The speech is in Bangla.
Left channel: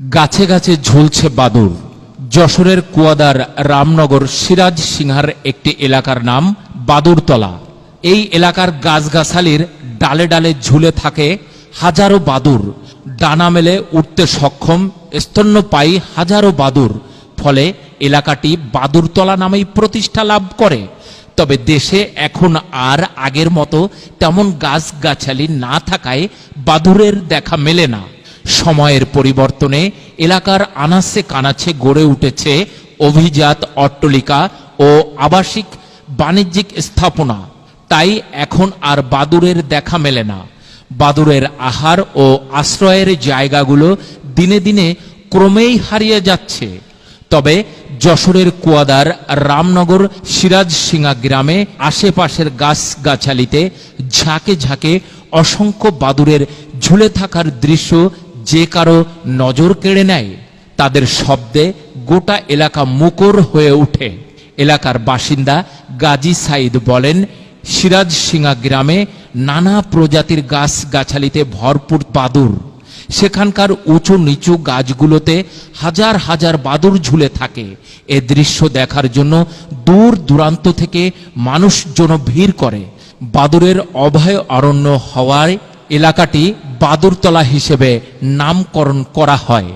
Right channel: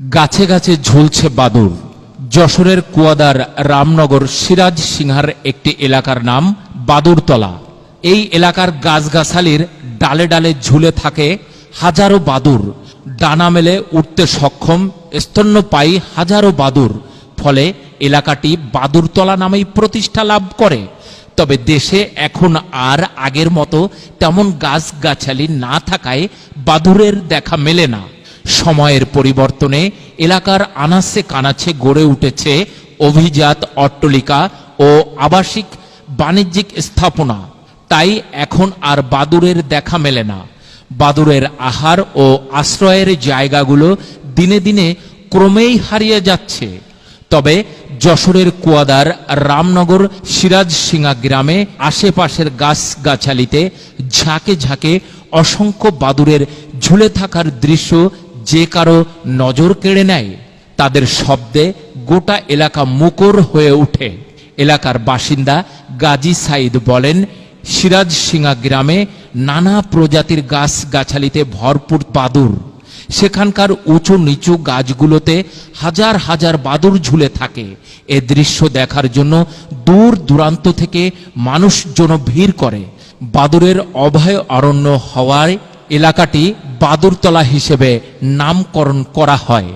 গাছে গাছে ঝুলছে বাদুড়। যশোরের কুয়াদার রামনগর সিরাজ সিংহার একটি এলাকার নাম বাদুড়তলা। এই এলাকার গাছগাছালির ডালে ডালে ঝুলে থাকে হাজারো বাদুড়। ডানা মেলে উঠতে সক্ষম স্তন্যপায়ী হাজারো বাদুড়। ফলে এলাকাটি বাদুড়তলা নামেই প্রতিষ্ঠা লাভ করে। তবে দেশে এখন আর আগের মতো তেমন গাছগাছালি না থাকায় বাদুড়ের দেখা মেলে না। সময়ের পরিবর্তনে এলাকার আনাচে কানাচে গড়ে উঠেছে অভিজাত অট্টালিকা ও আবাসিক বাণিজ্যিক স্থাপনা। তাই এখন আর বাদুড়ের দেখা মেলে না। বাদুড়ের আহার ও আশ্রয়ের জায়গাগুলো দিনে দিনে ক্রমেই হারিয়ে যাচ্ছে। তবে যশোরের কুয়াদার রামনগর সিরাজসিংহা গ্রামে আশেপাশের গাছগাছালিতে ঝাঁকে ঝাঁকে অসংখ্য বাদুড়ের ঝুলে থাকার দৃশ্য যে কারো নজর কেড়ে নেয়। তাদের শব্দে গোটা এলাকা মুখর হয়ে ওঠে। এলাকার বাসিন্দা গাজী সাইদ বলেন, সিরাজসিংহা গ্রামে নানা প্রজাতির গাছগাছালিতে ভরপুর বাদুড়। সেখানকার উঁচু নিচু গাছগুলোতে হাজার হাজার বাদুড় ঝুলে থাকে। এ দৃশ্য দেখার জন্য দূর দূরান্ত থেকে মানুষজন ভিড় করে। বাদুড়ের অভয় অরণ্য হওয়ায় এলাকাটি বাদুড়তলা হিসেবে নামকরণ করা হয়।